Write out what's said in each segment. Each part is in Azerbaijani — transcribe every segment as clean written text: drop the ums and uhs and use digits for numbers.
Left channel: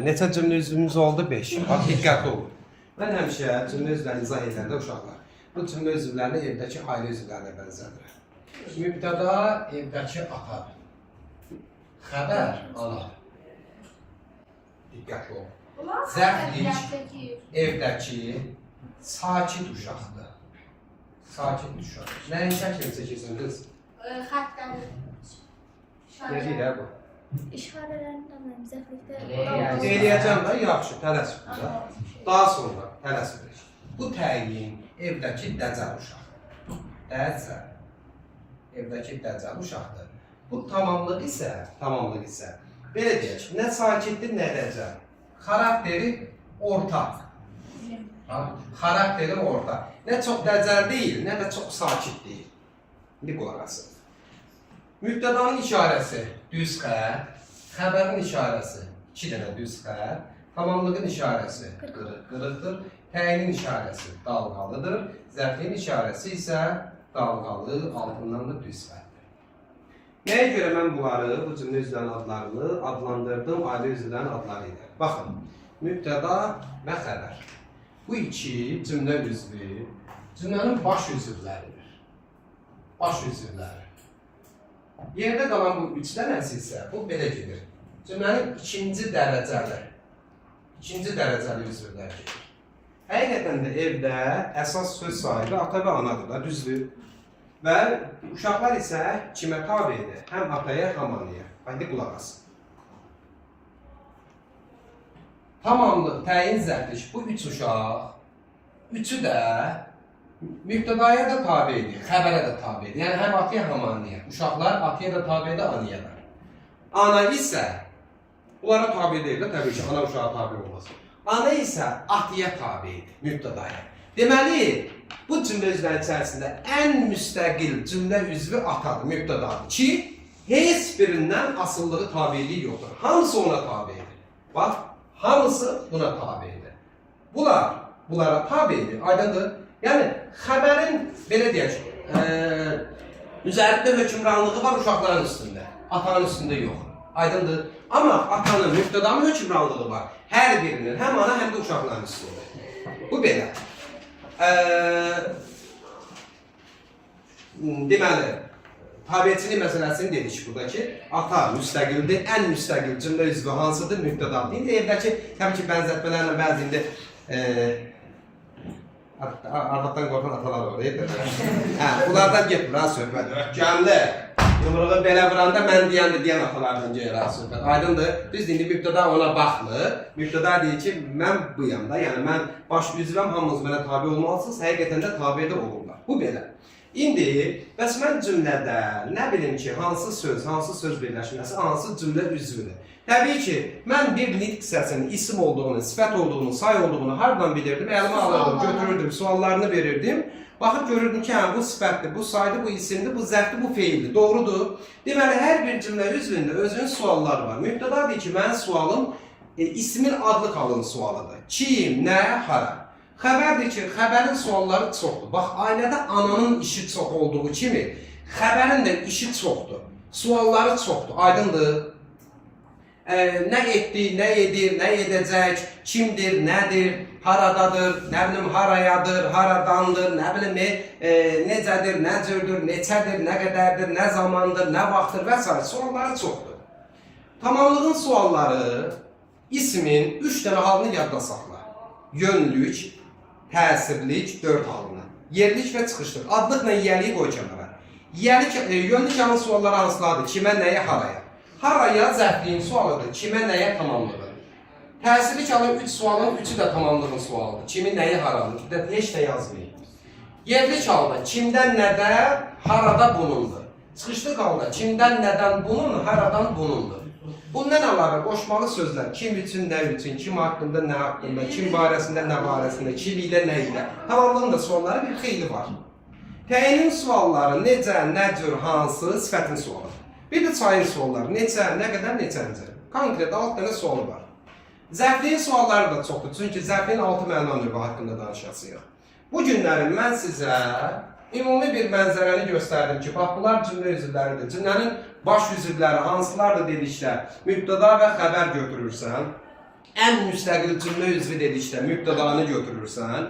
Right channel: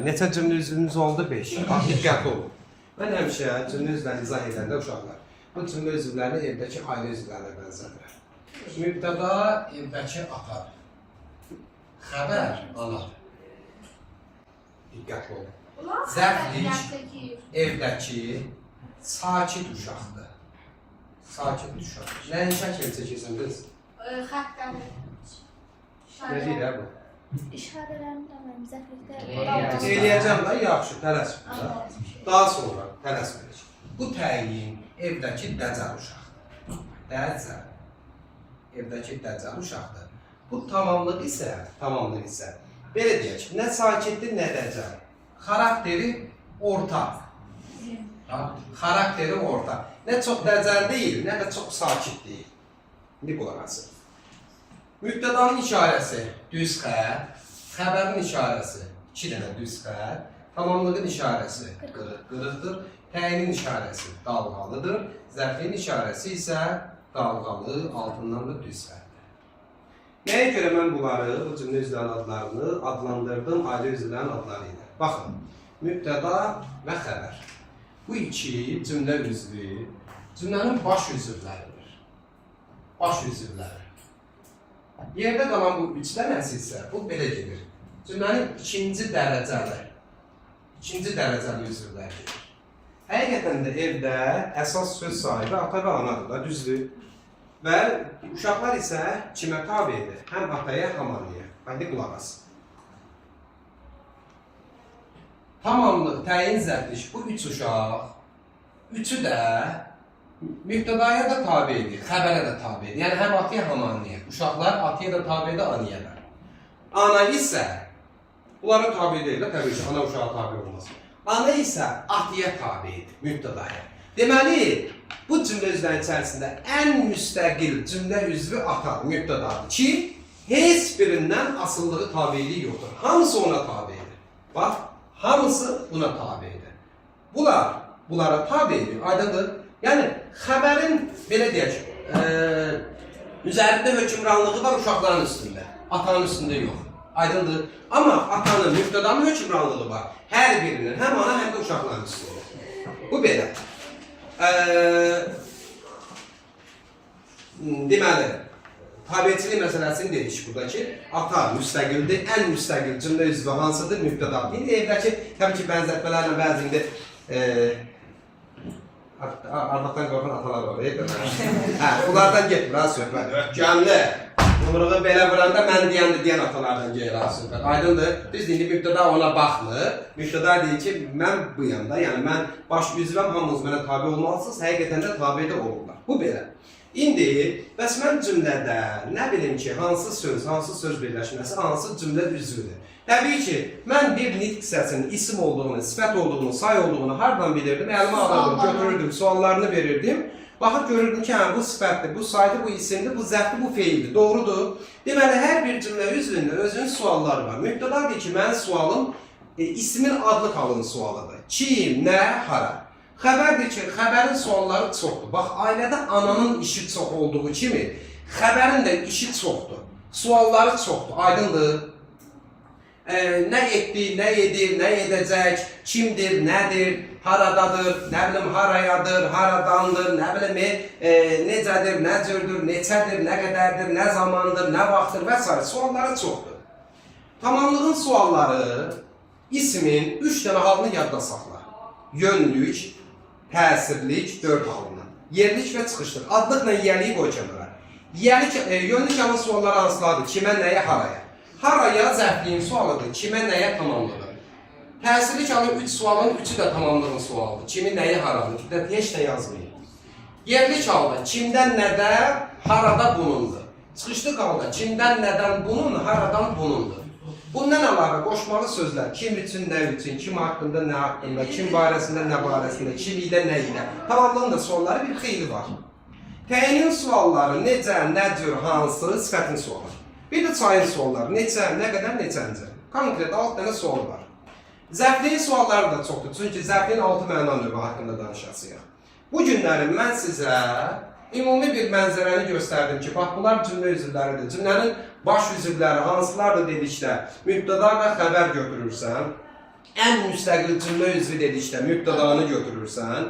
Neçə cümlə üzvümüz oldu? 5. Bax, diqqətli olun. Mən həmişə cümlə üzvlərini izah edəndə uşaqlar, bu cümlə üzvlərini evdəki ailə üzvlərinə bənzədir. Mübtəda evdəki atadır. Xəbər anadır. Diqqətli olun. Zərflik evdəki sakit uşaqdır. Sakit uşaq. Nəyin şəkil çəkirsən qız? Xəttləri. Nə deyir bu? İşarələrini də mənim zəflikdə Eləyəcəm də, yaxşı, tələsmir. Daha sonra tələsmirik. Bu təyin evdəki dəcəl uşaqdır. Dəcəl. Evdəki dəcəl uşaqdır. Bu tamamlıq isə, belə deyək, nə sakitdir, nə dəcəl. Xarakteri orta. Xarakteri orta. Nə çox dəcəl deyil, nə də çox sakit deyil. İndi qulaq asın. Mübtədanın işarəsi düz xətt, xəbərin işarəsi 2 dənə düz xətt, tamamlığın işarəsi qırıq-qırıqdır, təyinin işarəsi dalğalıdır, zərfin işarəsi isə dalğalı, altından da düz xəttdir. Nəyə görə mən bunları, bu cümlə üzvlərinin adlarını adlandırdım ailə üzvlərinin adları ilə? Baxın, mübtəda və xəbər. Bu iki cümlə üzvü cümlənin baş üzvləridir. Baş üzvləri. Yerdə qalan bu 3 dənəsi isə bu belə gedir. Cümlənin ikinci dərəcəli üzvləri gedir. Həqiqətən də evdə əsas söz sahibi ata və anadır da, düzdür. Və uşaqlar isə kimə tabidir? Həm ataya, həm anaya. Bax, qulaq asın. Tamamlıq, təyin, zərflik, bu 3 uşaq, üçü də mübtədaya da tabidir, xəbərə də tabidir. Yəni, həm ataya, həm anaya. Uşaqlar ataya da tabidir, anaya da. Ana isə, bunlara tabi deyil, təbii ki, ana uşağa tabi olmaz. Ana isə ataya tabidir, mübtədaya. Deməli, bu cümlə üzvləri içərisində ən müstəqil cümlə üzvü atadır, mübtədadır ki, heç birindən asıllığı tabiliyi yoxdur. Hamısı ona tabidir. Bax, hamısı buna tabidir. Bunlara tabidir, aydındır. Yəni, xəbərin, belə deyək, üzərində hökmranlığı var uşaqların üstündə, atanın üstündə yox, aydındır. Amma atanın, mübtədanın hökmranlığı var, hər birinin, həm ana, həm də uşaqların üstündə. Bu belə. Deməli, tabiçilik məsələsini dedik buradakı, ata müstəqildir, ən müstəqil cümlə üzvü hansıdır, mübtədadır. İndi evdəki, təbii ki, bənzətmələrlə bəzində Ardaqdan qorxan atalar var, deyil mi? Bunlardan getmir, ha, söhbət. Gəmli, yumruğu belə vuranda mən deyən atalardan gelir, ha, söhbət. Aydındır, biz indi mübtəda ona baxmır. Mübtəda deyir ki, mən buyam da, yəni mən baş üzvəm, hamınız mənə tabi olmalısınız, həqiqətən də tabi də olurlar. Bu belə. İndi, bəs mən cümlədə nə bilim ki, hansı söz birləşməsi, hansı cümlə üzvüdür? Təbii ki, mən bir nitq hissəsinin isim olduğunu, sifət olduğunu, say olduğunu hardan bilirdim? Əlimə alırdım, götürürdüm, suallarını verirdim. Baxıb görürdüm ki, bu sifətdir, bu saydır, bu isimdir, bu zərfdir, bu feildir. Doğrudur. Deməli, hər bir cümlə üzvündə özünün sualları var. Mübtəda deyir ki, mənim sualım ismin adlı halının sualıdır. Kim, nə, hara. Xəbər deyir ki, xəbərin sualları çoxdur. Bax, ailədə ananın işi çox olduğu kimi, xəbərin də işi çoxdur. Sualları çoxdur, aydındır. Nə etdi, nə edir, nə edəcək, kimdir, nədir, haradadır, nə bilim, harayadır, haradandır, nə bilim, necədir, nə cürdür, neçədir, nə qədərdir, nə zamandır, nə vaxtdır və s. Sualları çoxdur. Tamamlığın sualları ismin 3 dənə halını yadda saxla. Yönlük, təsirlik, 4 halını. Yerlik və çıxışlıq. Adlıqla yiyəliyi qoy kənara. Yönlük halının sualları hansılardır? Kimə, nəyə, haraya? Haraya zərfliyin sualıdır, kimə, nəyə tamamlıdır. Təsirlik halın 3 sualın 3'ü də tamamlığın sualıdır. Kimi, nəyə, haradır. Heç nə yazmayın. Yerlik halda kimdən, nədə, harada bunundur. Çıxışlıq halda kimdən, nədən bunun, haradan bunundur. Bundan əlavə qoşmalı sözlər, kim üçün, nə üçün, kim haqqında, nə haqqında, kim barəsində, nə barəsində, kim ilə, nə ilə. Tamamlığın da sualları bir xeyli var. Təyinin sualları necə, nə cür, hansı, sifətin sualı. Bir də çayın sualları, neçə, nə qədər, neçəncə. Konkret 6 dənə sualı var. Zərfliyin sualları da çoxdur, çünki zərfliyin 6 məna növü haqqında danışasıyıq. Bu günlərin mən sizə ümumi bir mənzərəni göstərdim ki, bax, bunlar cümlə üzvləridir. Cümlənin baş üzvləri hansılardır dedikdə, mübtəda və xəbər götürürsən, ən müstəqil cümlə üzvü dedikdə mübtədanı götürürsən.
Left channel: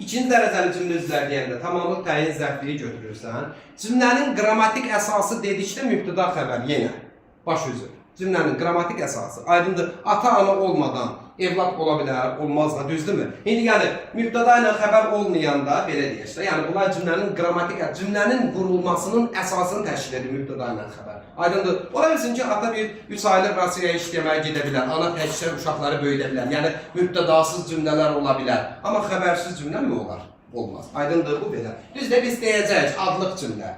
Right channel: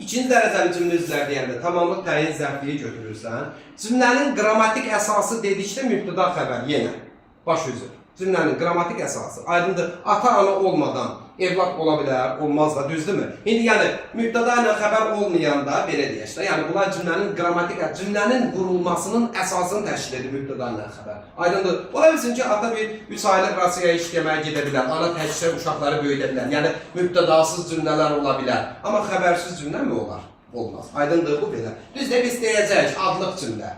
İkinci dərəcəli cümlə üzvləri deyəndə tamamlıq təyin zərfliyi götürürsən. Cümlənin qrammatik əsası dedikdə mübtəda xəbər yenə baş üzür. Cümlənin qrammatik əsası aydındır. Ata-ana olmadan evlad ola bilər, olmaz da, düzdürmü? İndi yəni mübtəda ilə xəbər olmayanda belə deyək də, yəni bunlar cümlənin qrammatik, cümlənin qurulmasının əsasını təşkil edir mübtəda ilə xəbər. Aydındır. Ola bilsin ki, ata bir 3 aylıq Rusiyaya işləməyə gedə bilər, ana təkcə uşaqları böyüdə bilər. Yəni mübtədasız cümlələr ola bilər. Amma xəbərsiz cümlə mi olar? Olmaz. Aydındır bu belə. Biz də biz deyəcəyik adlıq cümlə.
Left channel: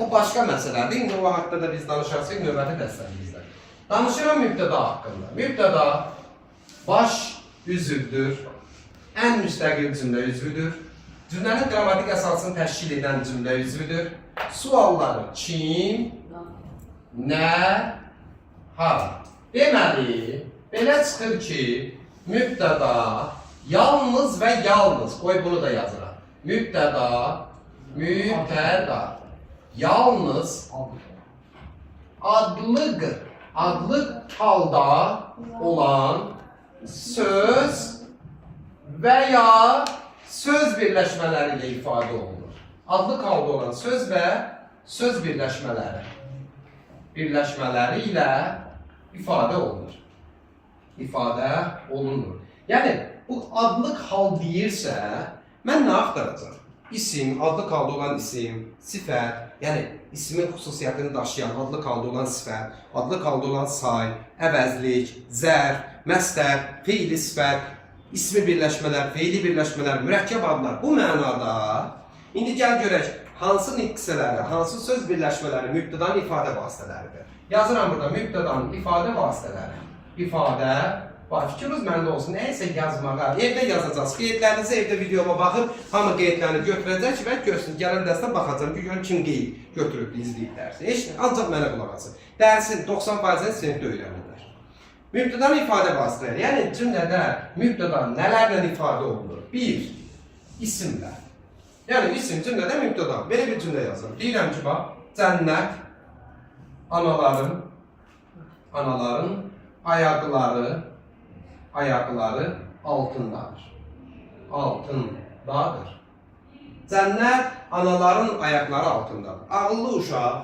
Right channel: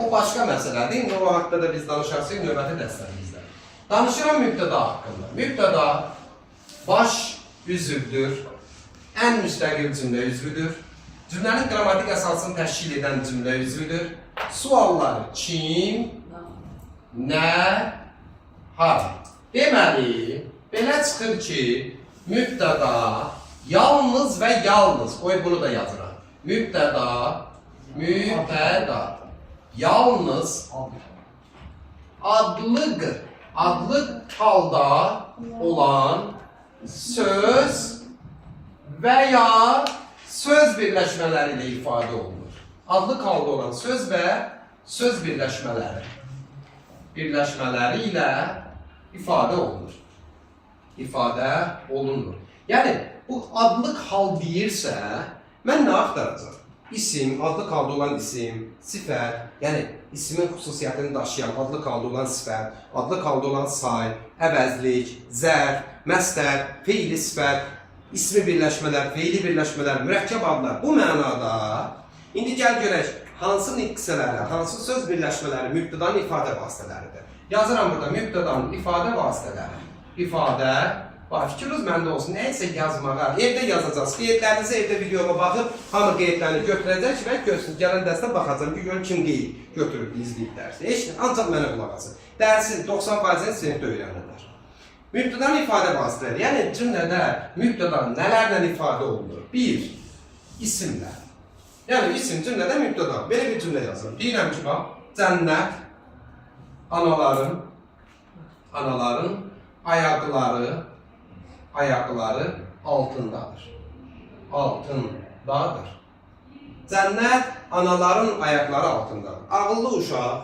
O başqa məsələdir. İndi o haqqda da biz danışarsıq növbəti dərslərimizdə. Danışıram mübtəda haqqında. Mübtəda baş üzvdür, ən müstəqil cümlə üzvüdür. Cümlənin qrammatik əsasını təşkil edən cümlə üzvüdür. Sualları kim, nə, hara. Deməli, belə çıxır ki, mübtəda yalnız və yalnız, qoy bunu da yazıram. Mübtəda, yalnız adlı halda olan söz və ya söz birləşmələri ilə ifadə olunur. Adlı halda olan söz və söz birləşmələri ilə ifadə olunur. Yəni, bu adlıq hal deyirsə, mən nə axtaracaq? İsim, adlıq halda olan isim, sifət, yəni ismin xüsusiyyətini daşıyan, adlıq halda olan sifət, adlıq halda olan say, əvəzlik, zərf, məstər, feili sifət, ismi birləşmələr, feili birləşmələr, mürəkkəb adlar. Bu mənada, indi gəl görək, hansı nitqsələri, hansı söz birləşmələri mübtədanın ifadə vasitələridir. Yazıram burada mübtədanın ifadə vasitələri. İfadə, fikriniz məndə olsun, nəysə yazmağa, evdə yazacaqsınız. Qeydlərinizi evdə videoya baxıb, hamı qeydlərini götürəcək və görsün. Gələn dərsdə baxacam, bir görün kim qeyd götürüb, izləyib dərsi. Ancaq mənə qulaq asın. Dərsin 90%-ni sinifdə öyrənirlər. Mübtədanın ifadə vasitələri, yəni cümlədə mübtəda nələrlə ifadə olunur? 1. İsimlər. Yəni isim cümlədə mübtəda. Belə bir cümlə yazıram. Deyirəm ki, bax, cənnət anaların ayaqları altındadır. Cənnət anaların ayaqları altındadır. Ağıllı uşaq,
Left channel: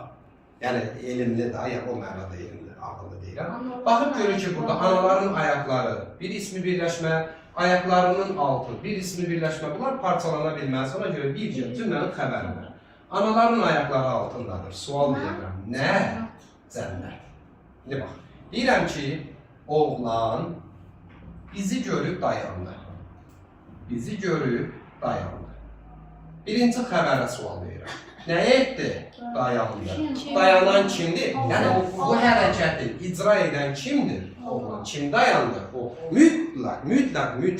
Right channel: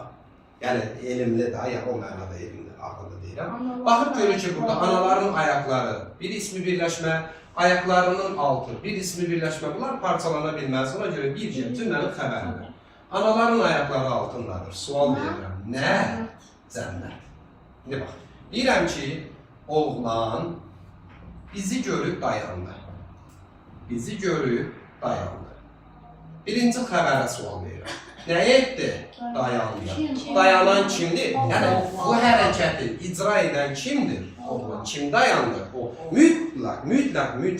yəni elmli də, yəni o mənada elmli, ağıllı deyirəm. Baxıb görür ki, burada anaların ayaqları, bir ismi birləşmə, ayaqlarının altı, bir ismi birləşmə, bunlar parçalana bilməz. Ona görə bir cümlənin xəbəridir. Anaların ayaqları altındadır. Sual verirəm. Nə? Cənnət. İndi bax, deyirəm ki, oğlan bizi görüb dayandı. Birinci xəbərə sual verirəm. Nə etdi? Dayandı. Dayanan kimdir? Yəni, bu hərəkəti icra edən kimdir? Oğlan. Kim dayandı? O mütləq,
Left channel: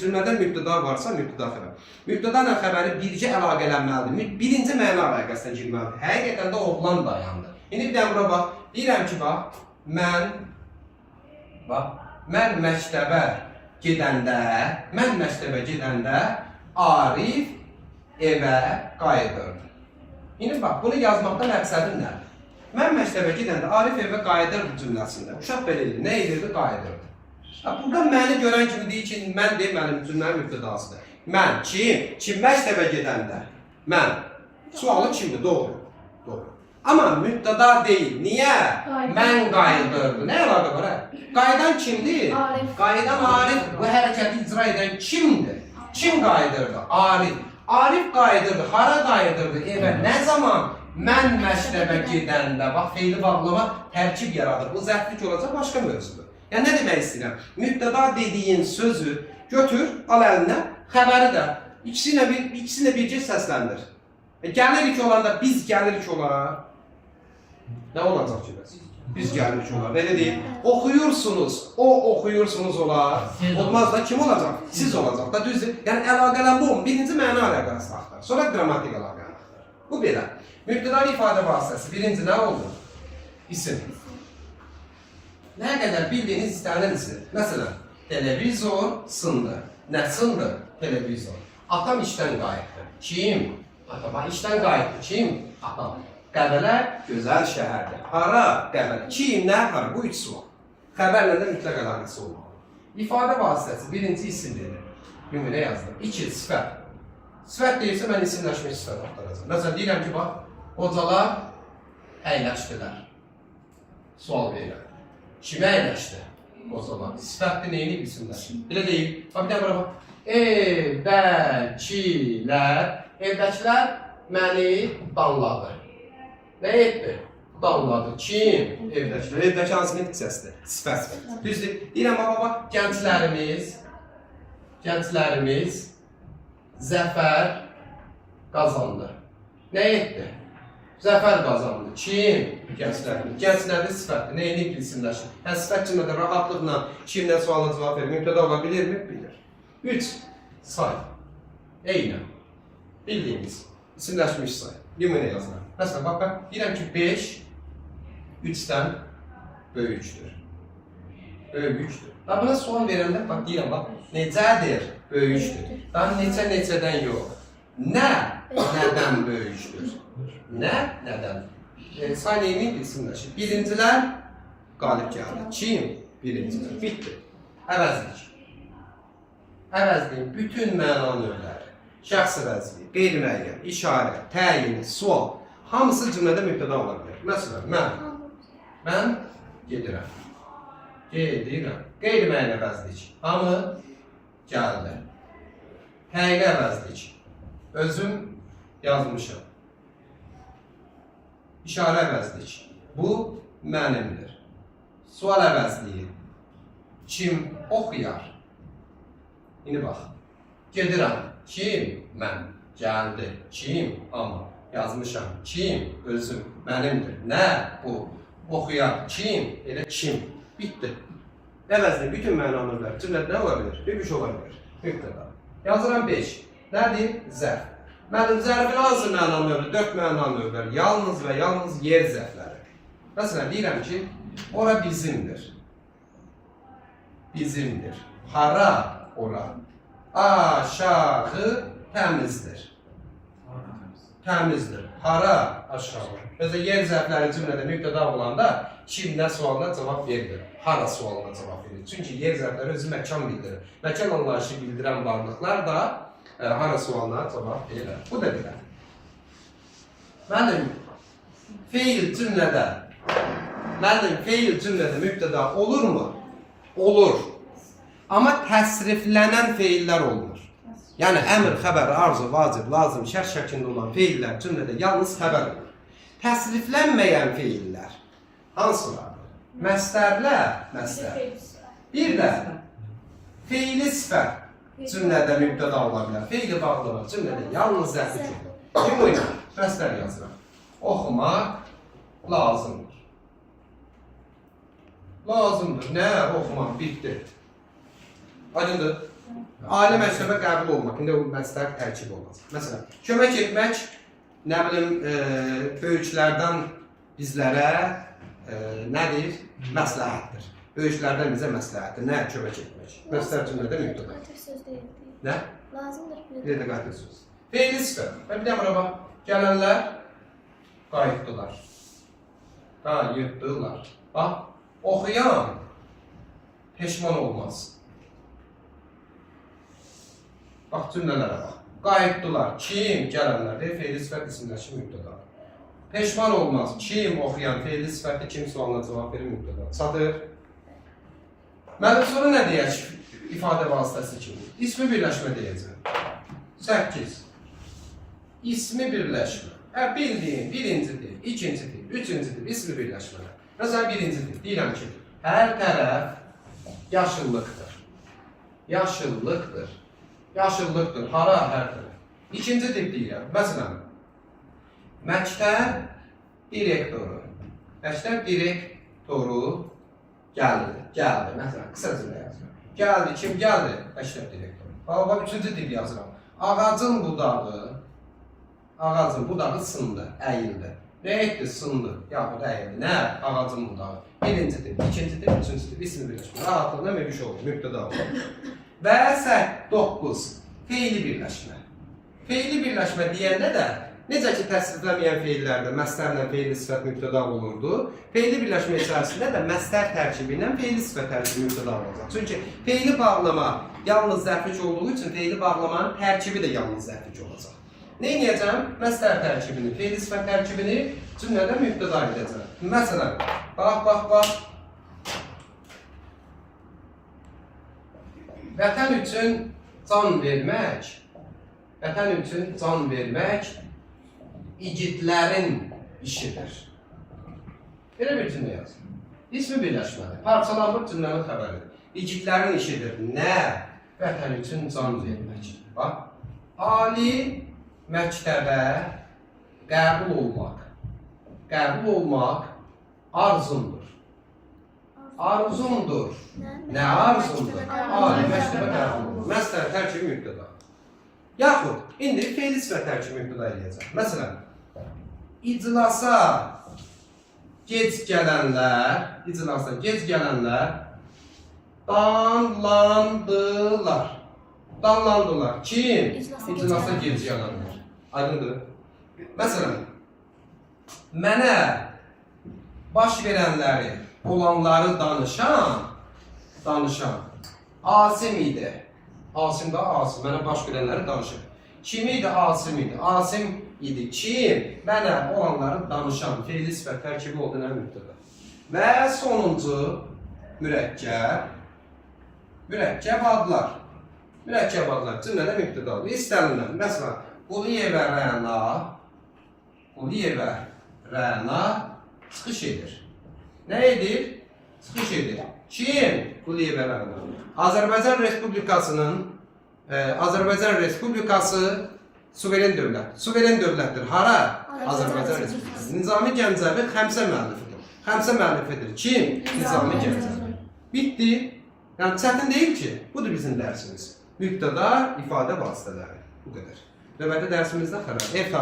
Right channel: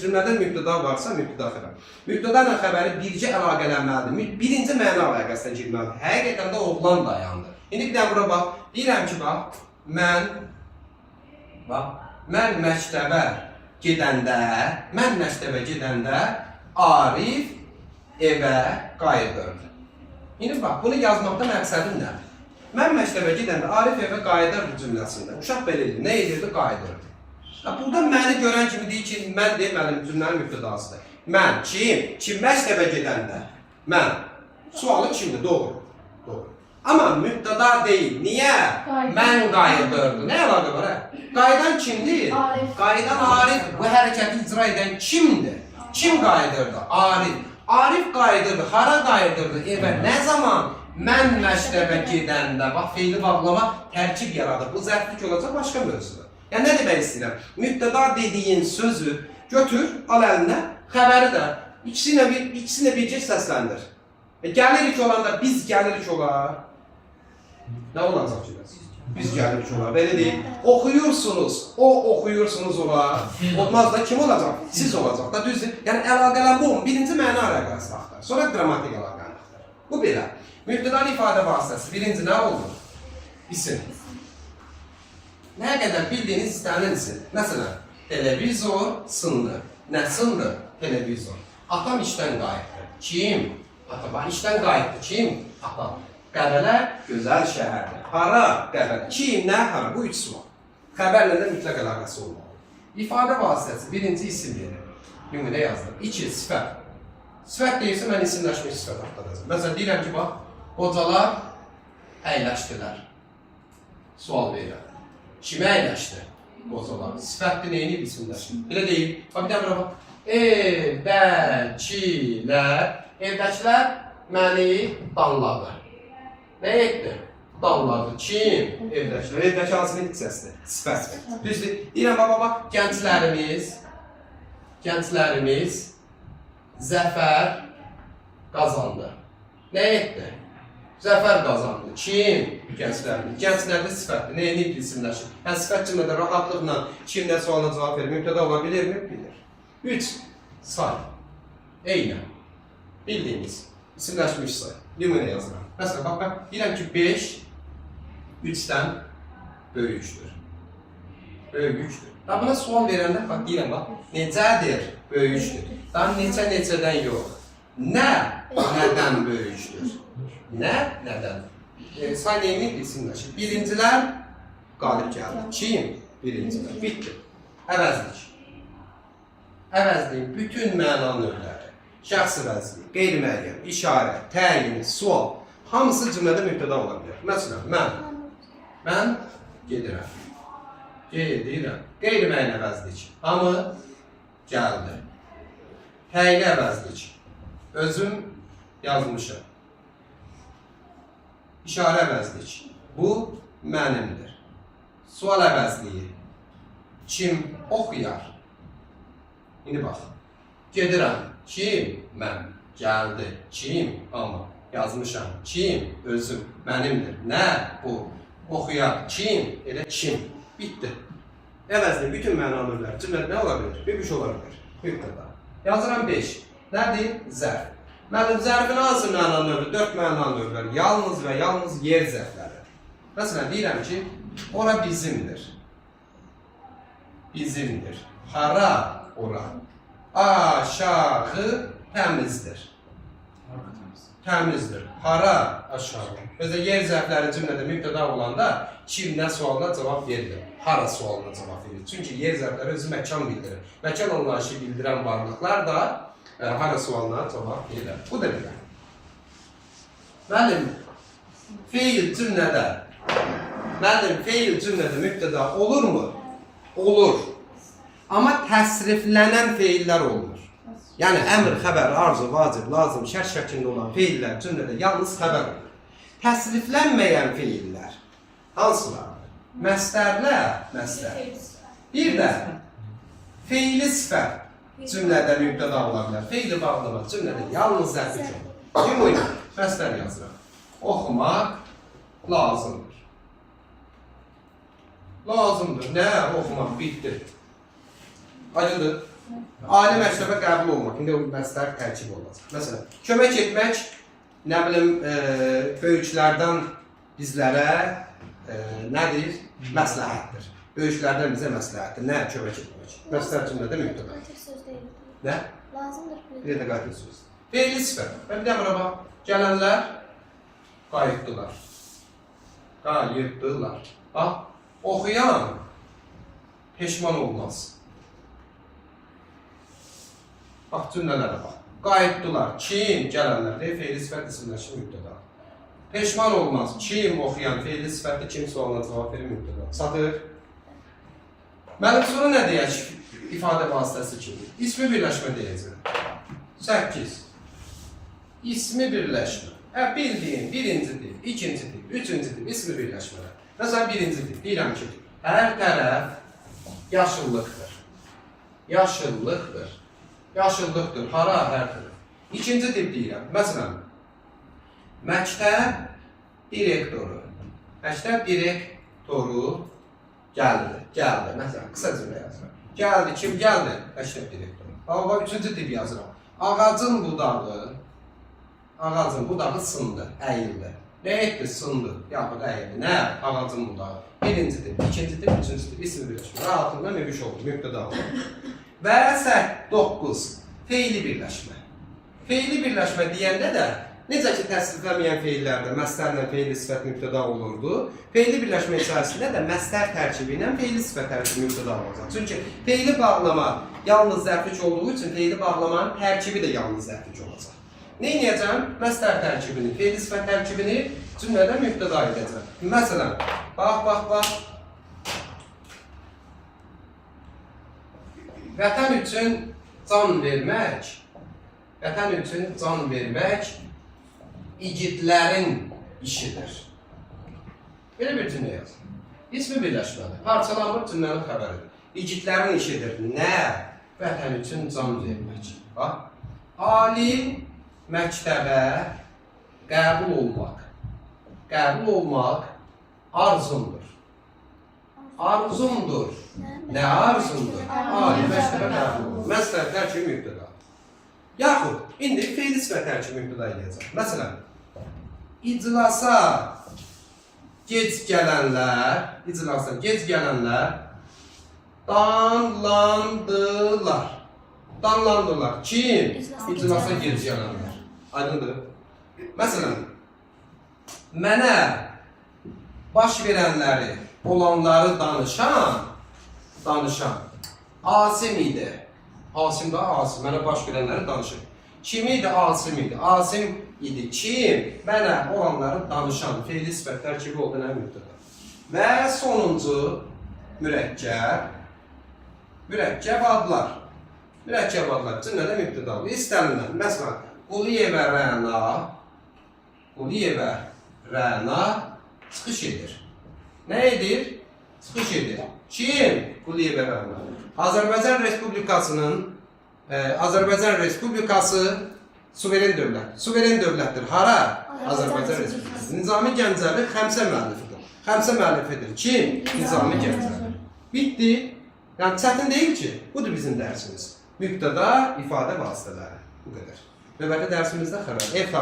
cümlədə mübtəda varsa mübtəda xəbər. Mübtəda ilə xəbəri bircə əlaqələnməlidir. Birinci məna əlaqəsinə girməlidir. Həqiqətən də oğlan dayandı. İndi bir də bura bax, deyirəm ki, bax, mən məktəbə gedəndə Arif evə qayıdırdı. İndi bax, bunu yazmaqda məqsədim nədir? Mən məktəbə gedəndə Arif evə qayıdırdı cümləsində. Uşaq belə edir, nə edirdi? Qayıdırdı. Burada məni görən kimi deyir ki, mən deyim, mənim cümlənin mübtədasıdır. Mən, kim məktəbə gedəndə? Mən. Sualı kimdir? Doğru. Amma mübtəda deyil. Niyə? Mən qayıdırdı. Nə əlaqə var? Qayıdan kimdir? Qayıdan Arif. Bu hərəkəti icra edən kimdir? Kim qayıdırdı? Arif. Arif qayıdırdı. Hara qayıdırdı? Evə. Nə zaman? Mən məktəbə gedəndə. Bax, feili bağlama tərkib yaradır. Bu zərflik olacaq başqa mövzudur. Yəni, nə demək istəyirəm? Mübtəda dediyin sözü götür, al əlinə, xəbəri də. İkisini bircə səsləndir. Gəlirik olanda, biz gəlirik olar. Nə olacaq ki? Biz gəlirik olar. Belə deyil. Oxuyursunuz, oxuyursunuz olar. Olmaz da kim olacaq? Siz olacaq da, düzdür. Yəni, əlaqələn bu, birinci məna əlaqəsi axtar. Sonra qrammatik əlaqəni axtar. Bu belə. Mübtədanın ifadə vasitəsi. Birinci nə olur? İsim. Nə qədər bildiyiniz istənilən isim. Məsələn, televizor sındır. Nə sındır? Televizor. Atam işdən qayıtdı. Kim? Atam işdən qayıtdı. Kim? Atam. Qəbələ gözəl şəhərdir. Hara? Qəbələ. Kim, nə, hara? Bu üç sual. Xəbərlə də mütləq əlaqəsi olmalı. İfadə vasitəsi birinci isim verir. Nümunə yazdım. 2 sifət. Sifət deyirsə mən isimləşmiş sifət axtaracağam. Məsələn deyirəm ki, bax, qocalar əyləşdilər. Sual verirəm. Kimə əyləşdi? Qocalar. Sifətdir, neyini isimləşdi? Belə deyil. Bax, bir də bura bax. Evdəkilər. Evdəkilər məni danladı. Nə etdi? Danladı. Kim? Evdəkilər. Evdəki hansının hissəsidir? Sifət. Düzdür. Deyirəm, bax, gənclərimiz zəfər qazandı. Nə etdi? Zəfər qazandı. Kim? Gənclərimiz. Gənclərdə sifətdir. Neyini isimləşir? Yəni, sifət cümlədə rahatlıqla kimlə sualına cavab verir? Mübtəda ola bilirmi? Bilir. 3. Say. Eynən. Bildiyimiz. İsimləşmiş say. Nümunə yazıram. Məsələn, bax, mən deyirəm ki, 5 3-dən böyükdür. Böyükdür. Daha buna sual verəndə, bax, deyirəm, bax, necədir? Böyükdür. Daha neçədən yox. Nə? Nədən böyükdür? Nə? Nədən? Say neyini isimləşir? Birincilər qalib gəldi. Kim? Birincilər. Bitdi. Əvəzlik. Əvəzliyin bütün məna növləri, şəxs əvəzliyi, qeyri-müəyyən, işarə, təyin, sual, hamısı cümlədə mübtəda ola bilər. Məsələn, mən gedirəm. Gedirəm. Qeyri-müəyyən əvəzlik. Hamı gəldi. Təyin əvəzlik. Özüm yazmışım. İşarə əvəzlik. Bu mənimdir. Sual əvəzliyi. Kim oxuyar? İndi bax. Gedirəm. Kim? Mən. Gəldi. Kim? Amma. Yazmışam. Kim? Özüm. Mənimdir. Nə? Bu. Oxuyar. Kim? Elə kim? Bitdi. Əvəzliyin bütün mənalarlar cümlədə nə ola bilər? Bir ola bilər. Mübtəda. Yazıram 5. Nədir? Zərf. Mənim zərfin hansı məna növü? 4 məna növləri. Yalnız və yalnız yer zərfləri. Məsələn, deyirəm ki, ora bizimdir. Bizimdir. Hara? Ora. Aşağı təmizdir. Təmizdir. Hara? Aşağı. Mesela yer zərfləri cümlədə mübtəda olanda kimdən sualına cavab verilir. Hara sualına cavab verilir. Çünki yer zərfləri özü məkan bildirir. Məkan anlayışı bildirən varlıqlar da hara sualına cavab verir. Bu da deyirəm. Mənim feil cümlədə mübtəda olurmu? Olur. Amma təsriflənən feillər olmur. Yəni əmr, xəbər, arzu, vacib, lazım, şərt şəklində olan feillər cümlədə yalnız xəbər olur. Təsriflənməyən feillər hansılardır? Məstərlər, məstər. Bir də feili sifət cümlədə mübtəda ola bilər. Feili bağlamaq cümlədə yalnız zərfi olur. Ümumi məstər yazıram. Oxumaq lazımdır. Lazımdır. Nə? Oxumaq bitdi. Aydındır. Ali məktəbə qəbul olmaq. İndi o məstər tərkib olmaz. Məsələn, kömək etmək, nə bilim, böyüklərdən bizlərə nədir? Məsləhətdir. Böyüklərdən bizə məsləhətdir. Nə? Kömək etmək. Məstər cümlədə mübtəda. Qatil söz deyil. Nə? Lazımdır. Bir də qatil söz. Feili sifət. Və bir də bura bax. Gələnlər qayıtdılar. Qayıtdılar. Bax, oxuyan peşman olmaz. Bax, cümlələrə bax. Qayıtdılar. Kim? Gələnlər. Feili sifət isimləşir mübtəda. Peşman olmaz. Kim? Oxuyan. Feili sifətdə kim sualına cavab verir mübtəda. Satır. Mənim sonra nə deyək? İfadə vasitəsi kimi. İsmi birləşmə deyəcəm. 8. İsmi birləşmə. Bildiyin birinci dil, ikinci dil, üçüncü dil, ismi birləşmələr. Məsələn, birinci dil. Deyirəm ki, hər tərəf yaşıllıqdır. Yaşıllıqdır. Yaşıllıqdır. Hara hər tərəf. İkinci dil deyirəm. Məsələn, məktəb direktoru. Məktəb direktoru gəldi. Gəldi. Məsələn, qısa cümlə yazıram. Gəldi. Kim gəldi? Məktəb direktoru. Bax, üçüncü dil yazıram. Ağacın budağı sındı, əyildi. Nə etdi? Sındı, yaxud əyildi. Nə? Ağacın budağı. Birinci dil, ikinci dil, üçüncü dil, ismi birləşmə. Rahatlığına mübiş olur, mübtəda olur. Və 9. Feili birləşmə. Feili birləşmə deyəndə də Necə ki, təsriflənməyən feillərdə məstərlə feili sifət mübtəda olurdu, feili birləşmə içərisində də məstər tərkibi ilə feili sifət tərkibi mübtəda olacaq. Çünki feili bağlama yalnız zərflik olduğu üçün feili bağlamanın tərkibi də yalnız zərflik olacaq. Nə edəcəm? Məstər tərkibini, feili sifət tərkibini cümlədə mübtəda edəcəm. Məsələn, bax. Vətən üçün can vermək igidlərin işidir. Belə bir cümlə yaz. İsmi birləşməli. Parçalanmış cümlənin xəbəridir. İgidlərin işidir. Nə? Vətən üçün can vermək. Bax. Ali məktəbə qəbul olmaq arzumdur. Arzumdur. Nə arzumdur? Ali məktəbə qəbul olmaq. Məstər tərkibi mübtəda. Yaxud, indi feili sifət tərkibi mübtəda edəcək. Məsələn, iclasa gec gələnlər danlandılar. Kim? İclasa gec gələnlər. Aydındır. Məsələn, mənə baş verənləri, olanları danışan Asim idi. Asim da Asim, mənə baş verənləri danışır. Kim idi? Asim idi. Asim idi. Kim? Mənə olanları danışan feili sifət tərkibi olduğuna mübtəda. Və sonuncu mürəkkəb adlar. Mürəkkəb adlar cümlədə mübtəda olur. İstənilən. Məsələn, Quliyevə Rəna çıxış edir. Nə edir? Çıxış edir. Kim? Quliyevə Rəna. Azərbaycan Respublikası suveren dövlət. Suveren dövlətdir. Hara? Azərbaycan Respublikası. Nizami Gəncəvi Xəmsə müəllifidir. Xəmsə müəllifidir. Kim? Nizami Gəncəvi. Bitti. Yəni çətin deyil ki, budur bizim dərsimiz. Mübtəda, ifadə vasitələri. Bu qədər. Növbəti dərsimizdə xəbər.